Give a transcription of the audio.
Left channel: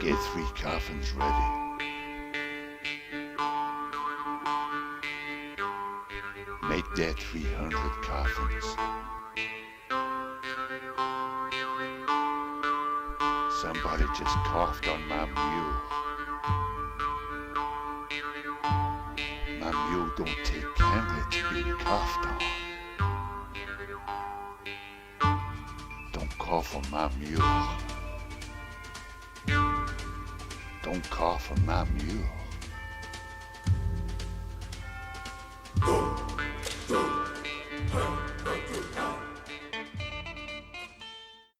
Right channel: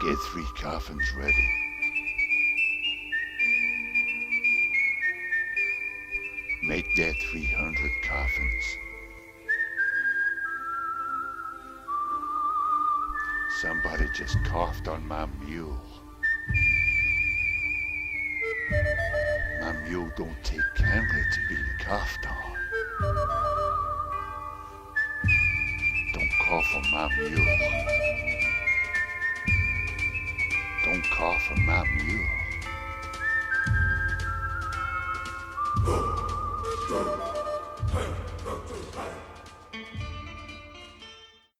Get 3 coffins ready. Make that 300 coffins. Somebody just coughed on my mule. My mule don't take kindly to being coughed on. Don't cough on my mule. Don't cough on my mule. Hey,